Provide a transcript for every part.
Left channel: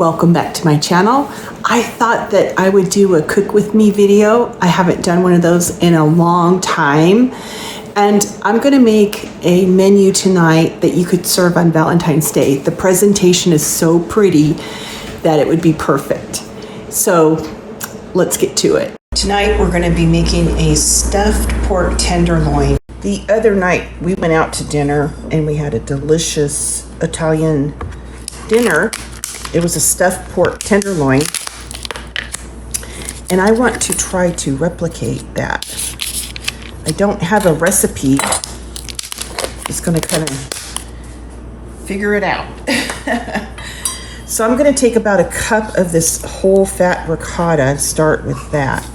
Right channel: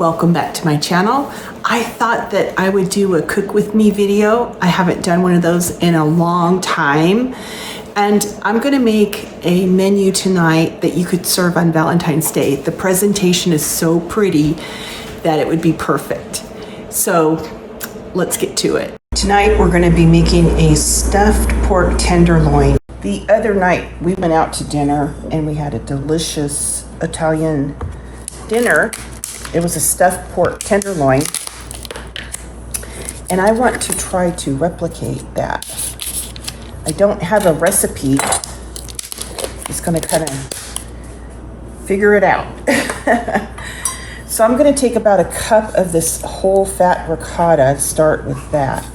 welcome back to my channel. I thought that I would do a cook with me video. I haven't done one of those in a long time. And I'm gonna make a menu tonight that you could serve on Valentine's Day. The presentation is so pretty that it would be perfect. So let's get to it. Tonight we're gonna be making a stuffed pork tenderloin. The other night we went out to dinner and we had a delicious Italian dinner. It was a stuffed pork tenderloin. And I want to try to replicate that. I don't have a recipe. Just gonna kind of figure it out. So I'm gonna take about a cup of this whole fat ricotta, start with that.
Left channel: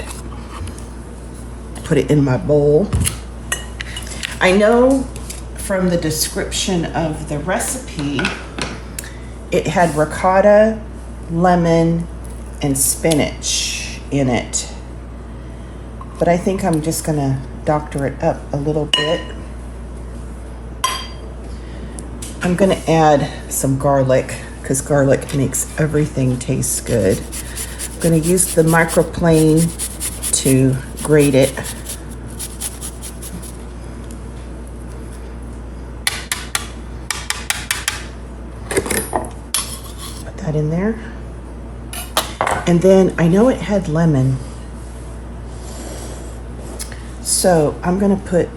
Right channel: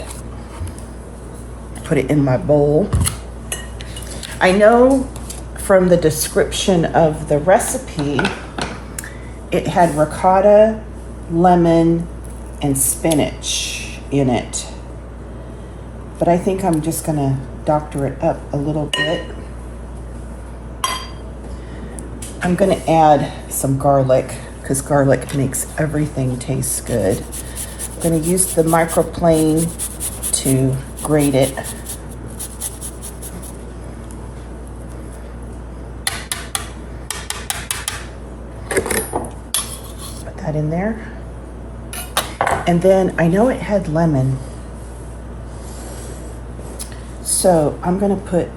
Put it in my bowl. I know from the description of the recipe, it had ricotta, lemon, and spinach in it. But I think I'm just gonna doctor it up a little bit. I'm gonna add some garlic because garlic makes everything taste good. I'm gonna use the microplane to grate it. Put that in there. And then I know it had lemon. So I'm gonna put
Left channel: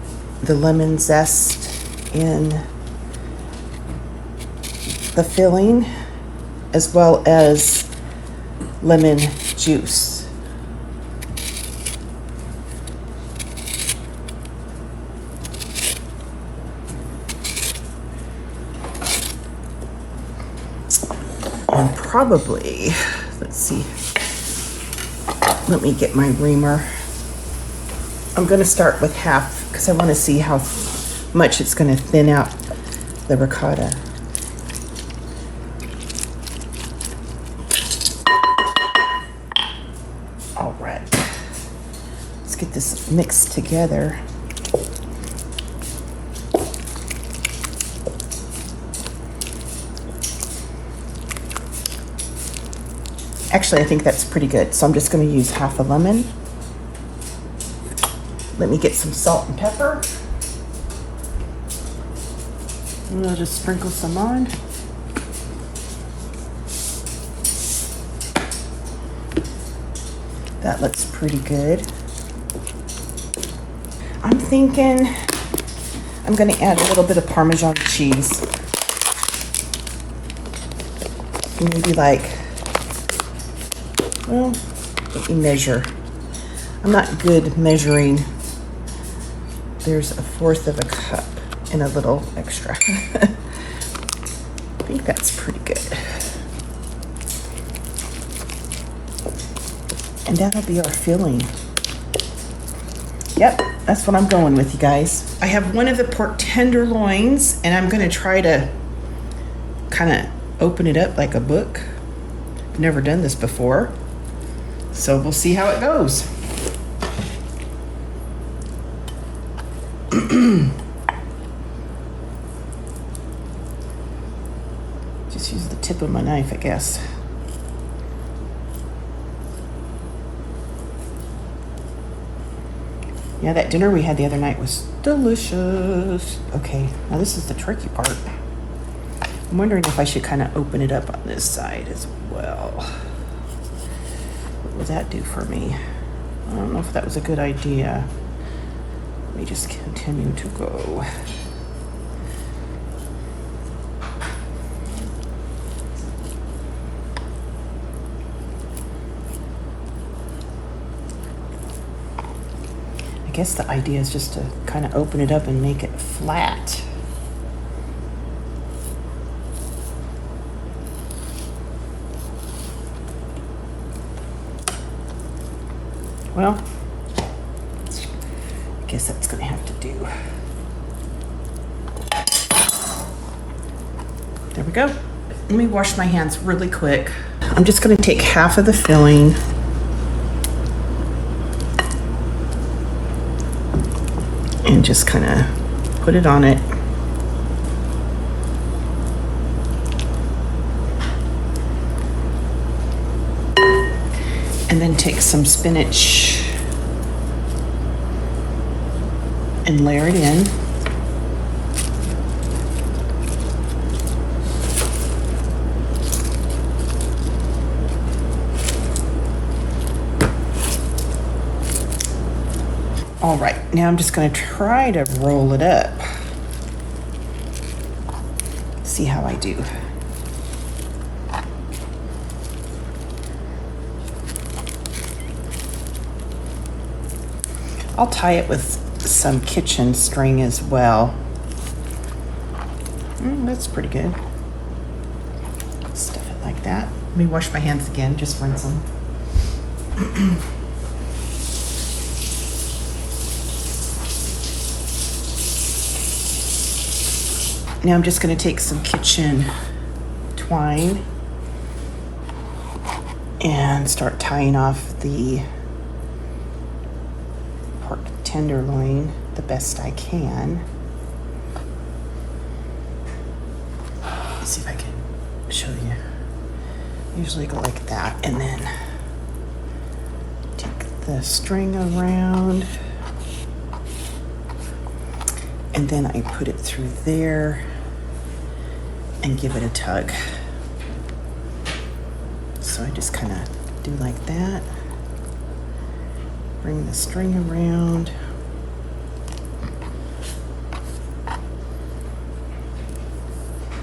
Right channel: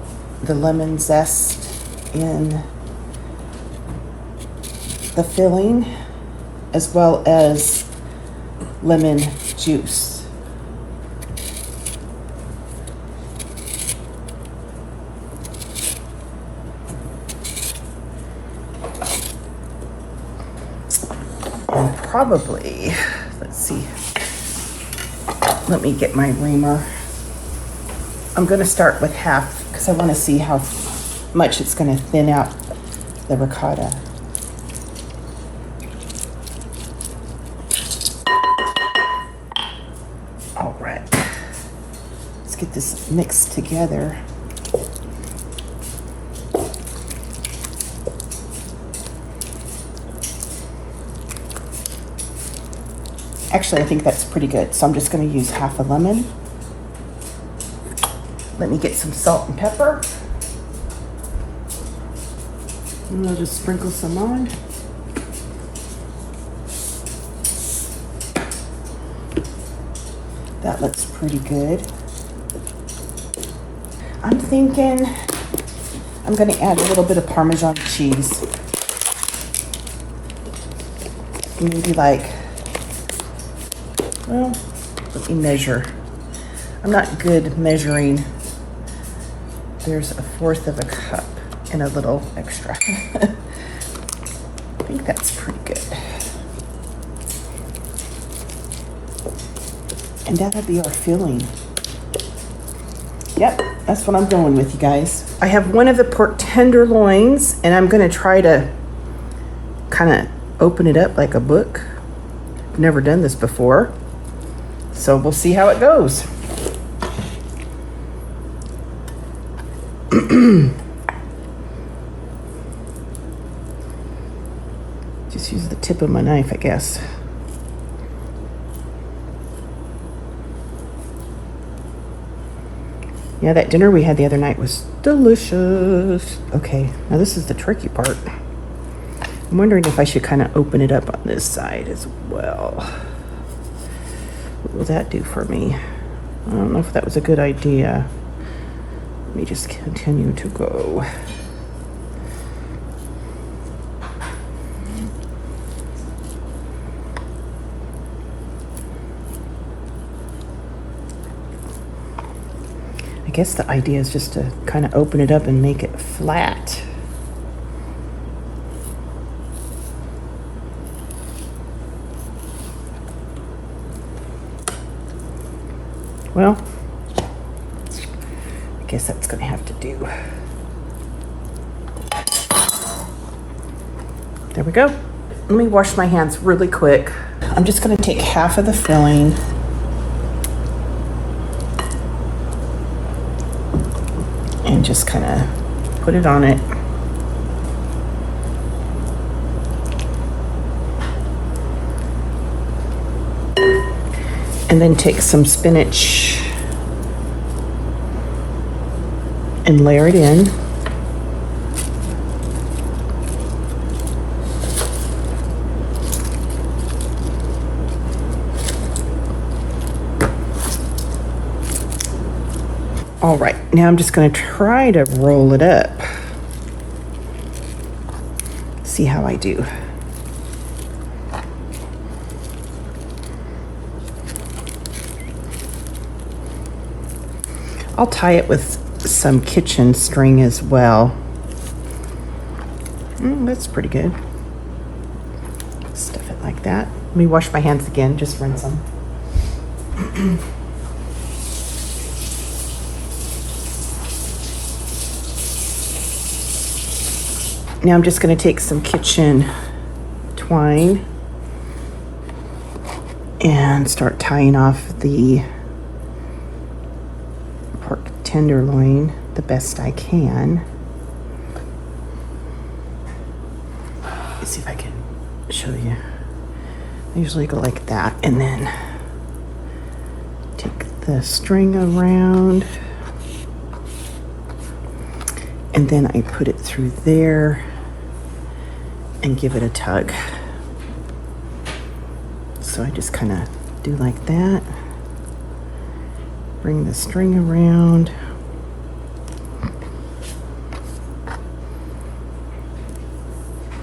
the lemon zest in the filling as well as lemon juice. And probably, let's see, let me get my reamer. I'm going to start with half because I want to see how much it's going to thin out the ricotta. All right, let's get this mixed together. Actually, I think that's pretty good. So I'm just going to use half a lemon. Let me get some salt and pepper. And I'll just sprinkle some on. That looks pretty good. I'm thinking I'm gonna add a little bit of Parmesan cheese. Maybe like, well, let me measure. I'm not good measuring. There's 1/4 of a cup and a little extra. I think that's pretty good. And that'll be our filling. Yep, that's what I'm going with, you guys. I have one of the pork tenderloins and I'm gonna try to kind of open it up like a book. I've never done this before. So we'll see how it goes. Just use the tip of my knife, I guess. Yeah, that dinner we had the other night was delicious. Okay, now this is the tricky part. I'm wondering if I should kind of open it up on this side as well. What would that do for me? I don't know if that was a good idea. Let me just continue to go. I guess the idea is just to kind of open it up and make it flat. Well, I guess that's gonna have to do. There we go. Let me wash my hands really quick. I'm just gonna take half of the filling and just kind of put it on it. And then take some spinach and layer it in. All right, now I'm just going to try to roll it up. See how I do. I'll tie it with some kitchen string as well. That's pretty good. Stuff it like that. Let me wash my hands again, just rinse them. Now I'm just going to take some kitchen twine and start tying off the pork tenderloin the best I can. Let's see if I can show you. Usually go like that, and then take the string around, and then I put it through there and give it a tug. So I just kind of do like that. Bring the string around.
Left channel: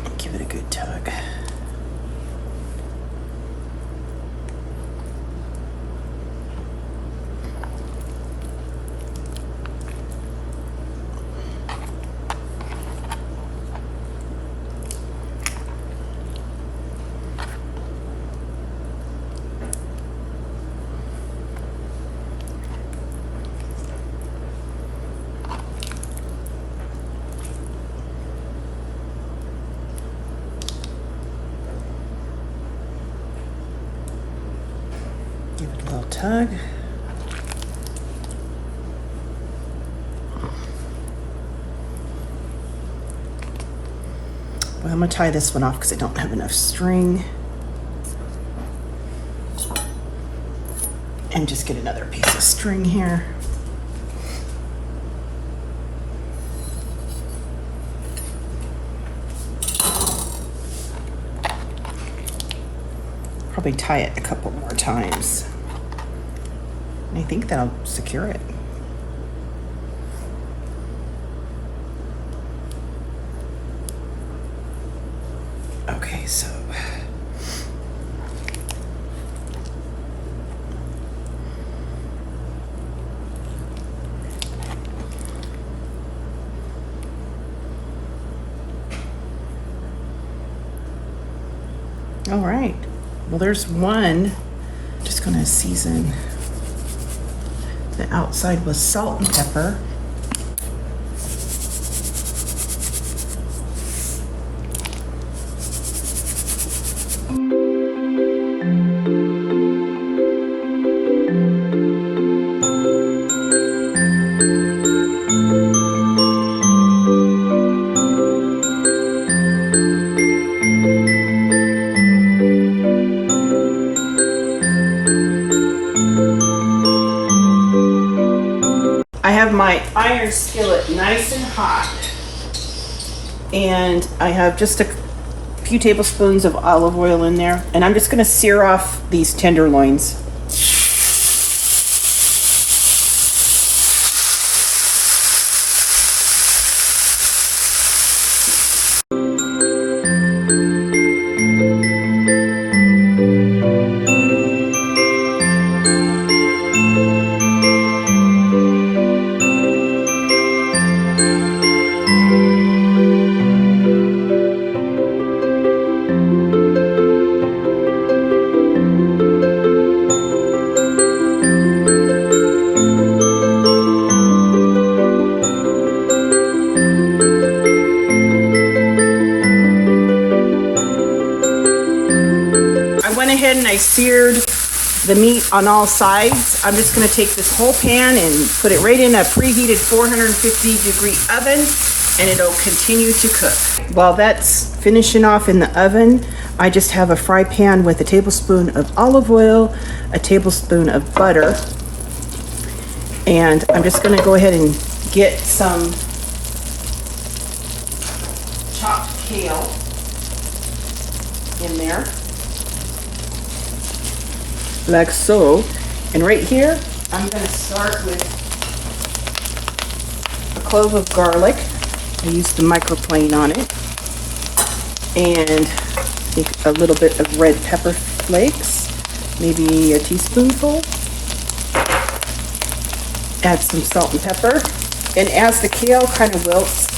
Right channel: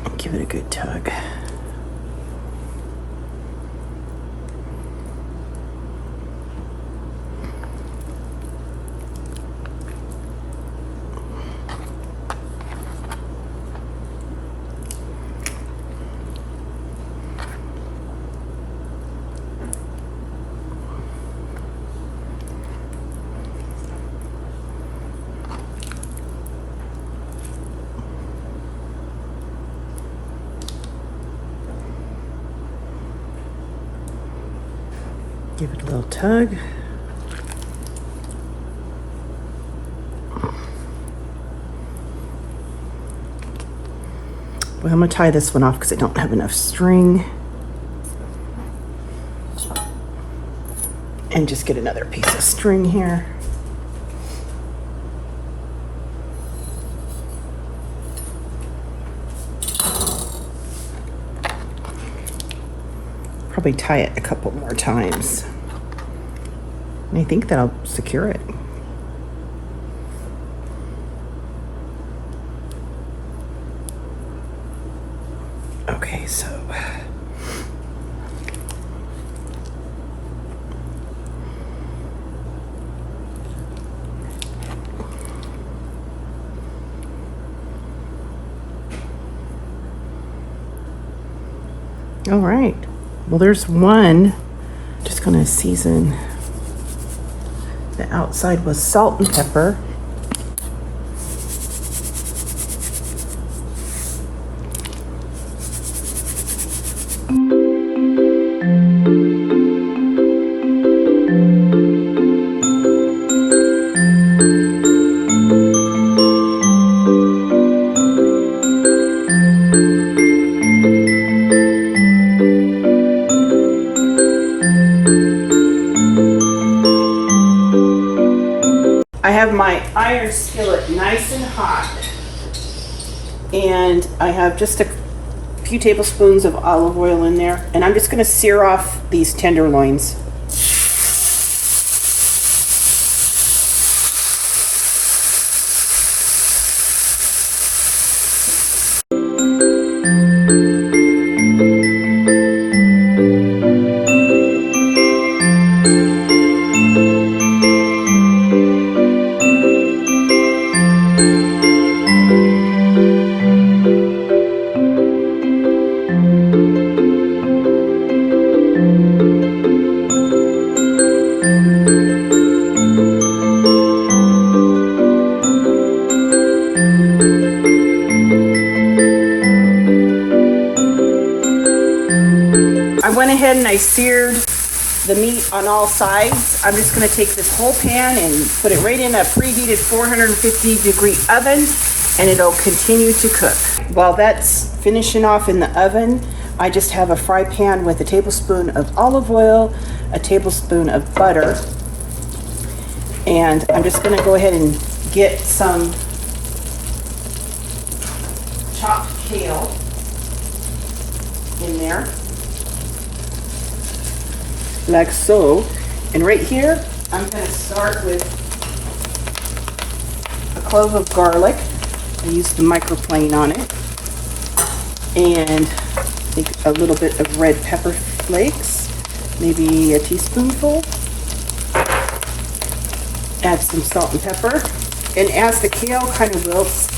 And give it a good tug. Give it a little tug. Well, I'm going to tie this one off because I don't have enough string. And just get another piece of string here. Probably tie it a couple more times. And I think that'll secure it. Okay, so all right. Well, there's one. Just gonna season the outside with salt and pepper. I have my iron skillet nice and hot, and I have just a few tablespoons of olive oil in there, and I'm just going to sear off these tenderloins. And I seared the meat on all sides. I'm just going to take this whole pan and put it right in a preheated 450-degree oven, and it'll continue to cook. While that's finishing off in the oven, I just have a fry pan with a tablespoon of olive oil, a tablespoon of butter, and I'm just going to go ahead and get some chopped kale in there, like so. And right here, I'm going to start with a clove of garlic. I used the microplane on it, and a little bit of red pepper flakes, maybe a teaspoonful. Add some salt and pepper, and as the kale kind of wilts,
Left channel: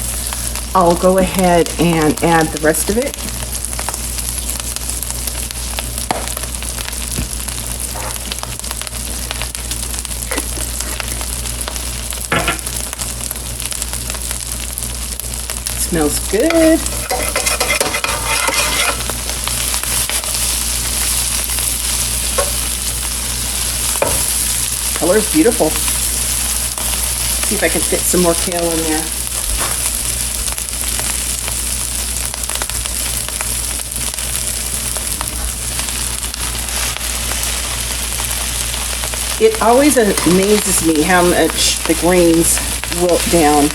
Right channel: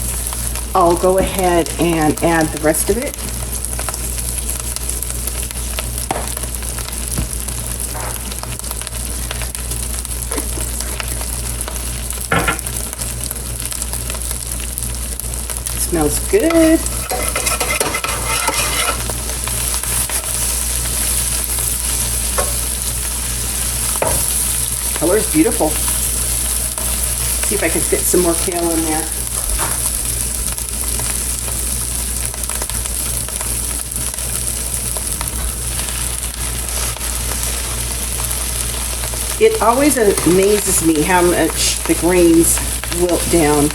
I'll go ahead and add the rest of it. Smells good. Color is beautiful. See if I can fit some more kale in there. It always amazes me how much the grains wilt down.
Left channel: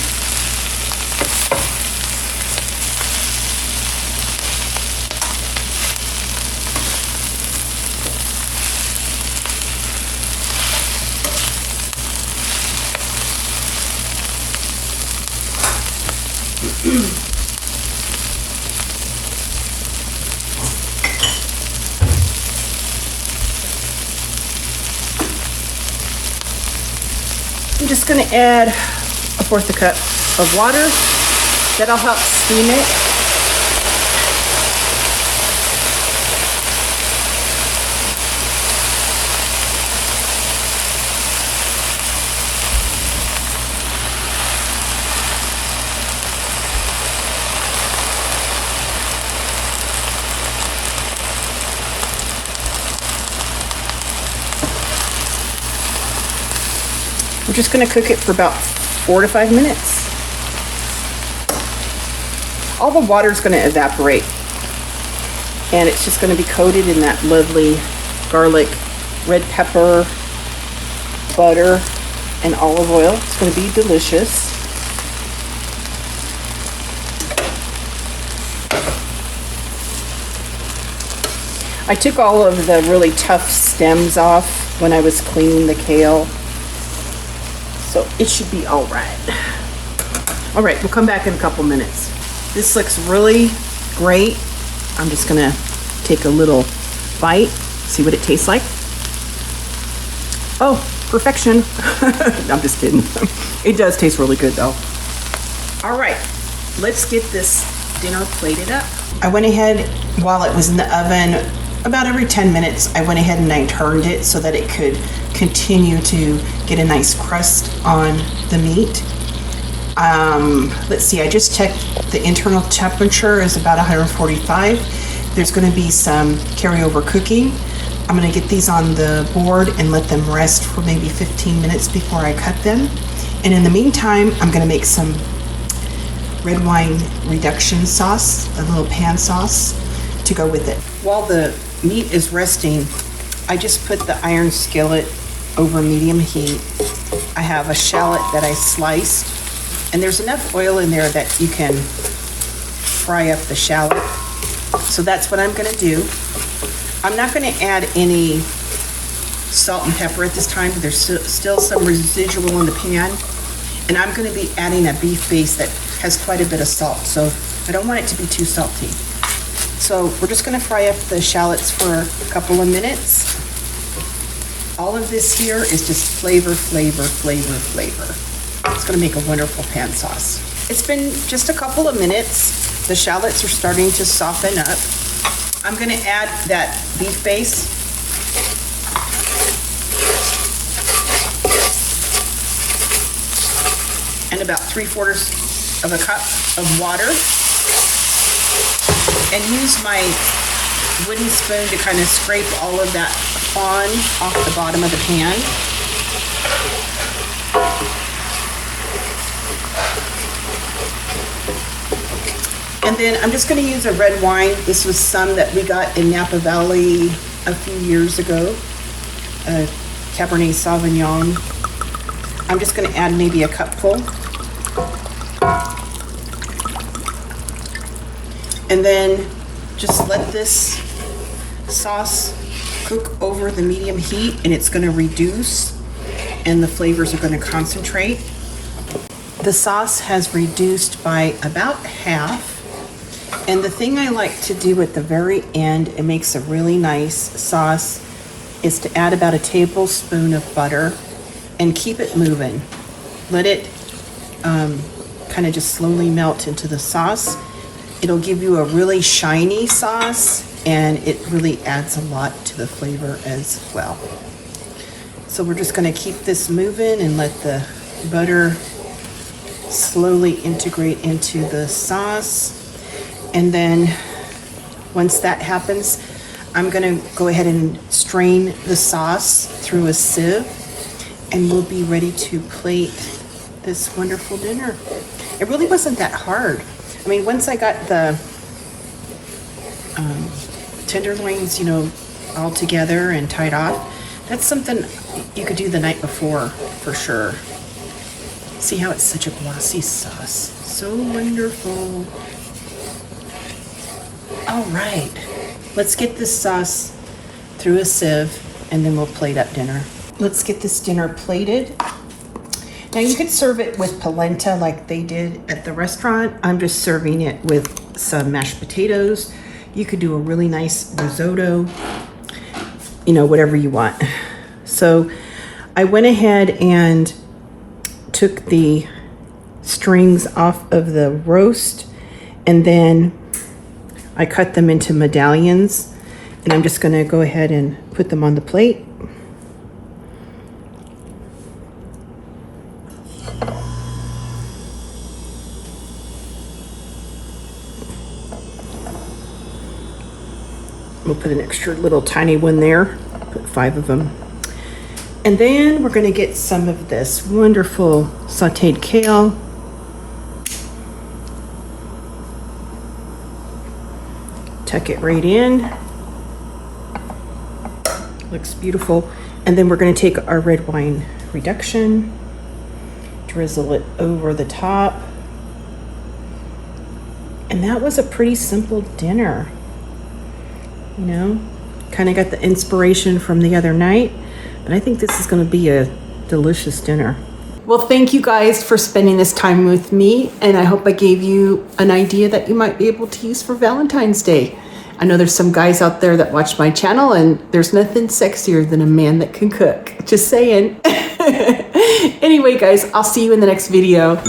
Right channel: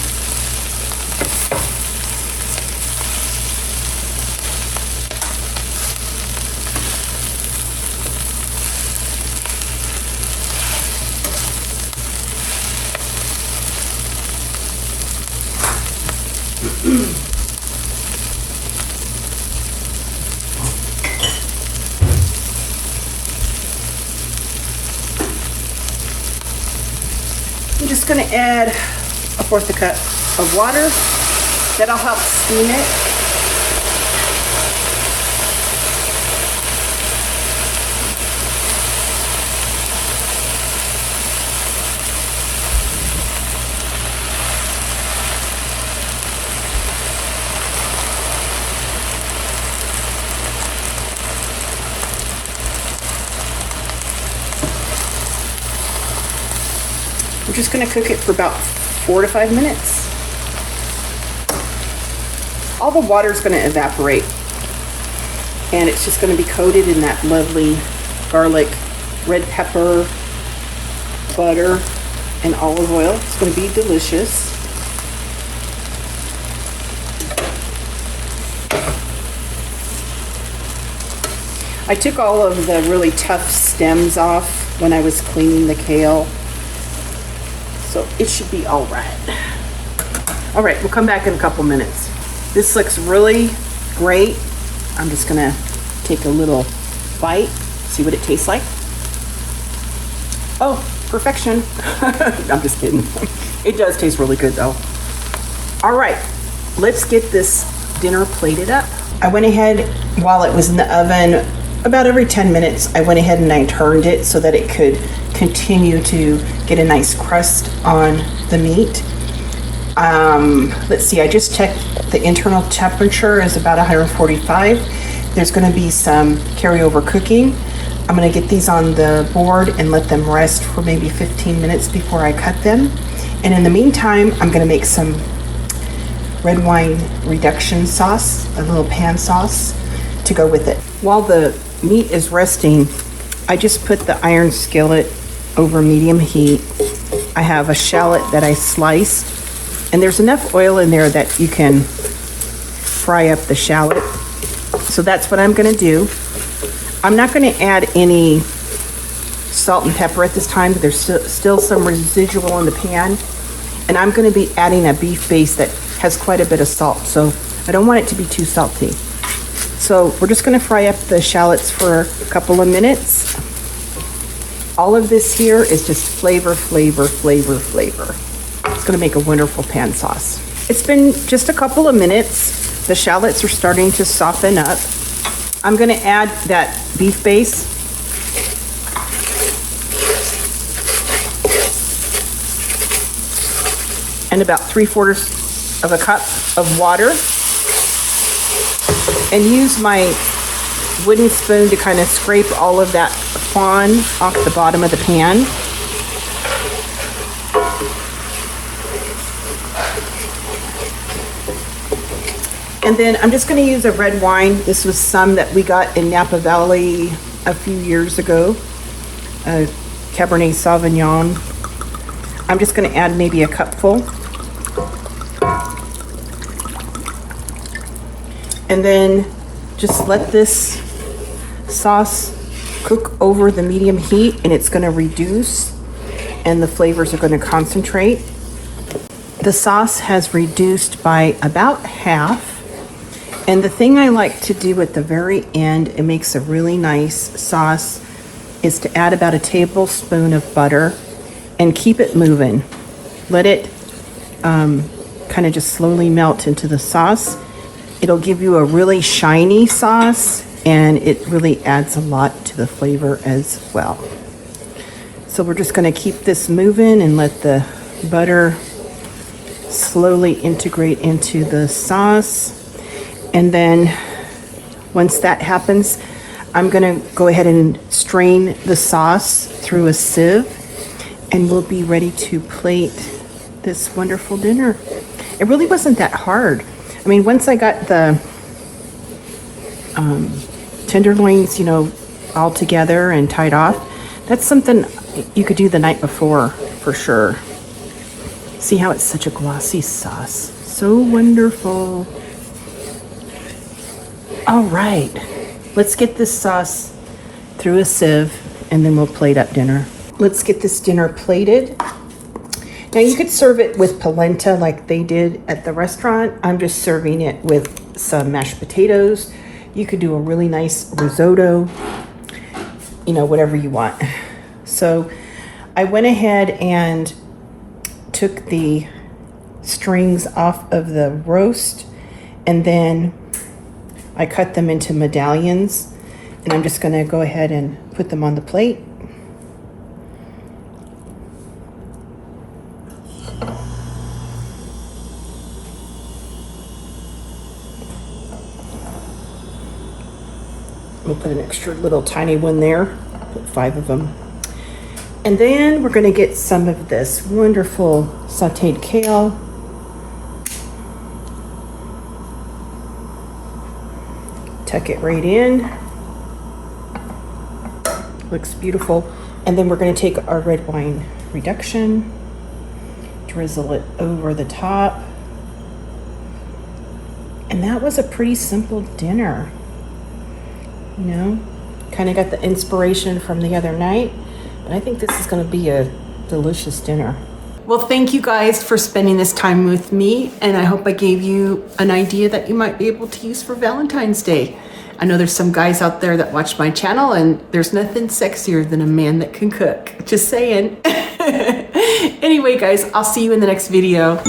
I'm just going to add 1/4 cup of water. That'll help steam it. We're just going to cook it for about 4 to 5 minutes. All the water is going to evaporate, and it's just going to be coated in that lovely garlic, red pepper, butter, and olive oil. It's going to be delicious. I took all of the really tough stems off when I was cleaning the kale, so it should be all right. All right, we'll come back in a couple minutes. This looks really great. I'm just gonna take a little bite, see what it tastes like. Oh, perfection. I'm just kidding. It does taste really good though. All right, let's get this dinner plated up. I went ahead, while it was in the oven, about every 10 minutes, I went ahead and I turned it so that it could continue to get a nice crust on the meat. Let's see, I just checked the internal temperature is about 145. There's going to be some carryover cooking. I'm going to get these on the board and let them rest for maybe 15 minutes before I cut them. And in the meantime, I'm going to make some red wine reduction sauce, a little pan sauce to go with it. While the meat is resting, I just put the iron skillet over medium heat. I have a shallot that I sliced, and there's enough oil in there that you can fry up the shallot. So that's what I'm gonna do. I'm not gonna add any salt and pepper at this time. There's still some residual in the pan, and I'm gonna be adding a beef base that has quite a bit of salt, so I don't want it to be too salty. So we're just gonna fry up the shallots for a couple of minutes. All of this here is just flavor, flavor, flavor, flavor. It's gonna make a wonderful pan sauce. It's been just a couple of minutes. The shallots are starting to soften up. I'm gonna add that beef base. And about 3/4 of a cup of water. And use my wooden spoon to kind of scrape all of that fond off the bottom of the pan. And then I'm just going to use a red wine. This was some that we got in Napa Valley a few years ago. Cabernet Sauvignon. I'm just going to add maybe a cupful. And then just let this sauce cook over the medium heat, and it's going to reduce and the flavors are going to concentrate. The sauce has reduced by about half. And the thing I like to do at the very end, it makes a really nice sauce, is to add about a tablespoon of butter and keep it moving. Let it kind of just slowly melt into the sauce. It'll give you a really shiny sauce, and it really adds a lot to the flavor as well. So we're just going to keep this moving and let the butter slowly integrate into the sauce. And then once that happens, I'm going to go ahead and strain the sauce through a sieve, and we'll be ready to plate this wonderful dinner. It really wasn't that hard. I mean, once I got the tenderloins, you know, all together and tied off, that's something you could do the night before for sure. See how it's such a glossy sauce. So wonderful. All right, let's get this sauce through a sieve, and then we'll plate up dinner. Let's get this dinner plated. Now you could serve it with polenta like they did at the restaurant. I'm just serving it with some mashed potatoes. You could do a really nice risotto, you know, whatever you want. So I went ahead and took the strings off of the roast, and then I cut them into medallions, and I'm just going to go ahead and put them on the plate. We'll put an extra little tiny one there, put 5 of them. And then we're going to get some of this wonderful sauteed kale. Tuck it right in. Looks beautiful. And then we're going to take our red wine reduction, drizzle it over the top. And that was a pretty simple dinner. You know, kind of got the inspiration from the other night, but I think this is going to be a delicious dinner. Well, thank you guys for spending this time with me, and I hope I gave you an idea that you might be able to use for Valentine's Day. I know there's some guys out there that watch my channel, and there's nothing sexier than a man that can cook. Just saying. Anyway, guys, I'll see you in the next video.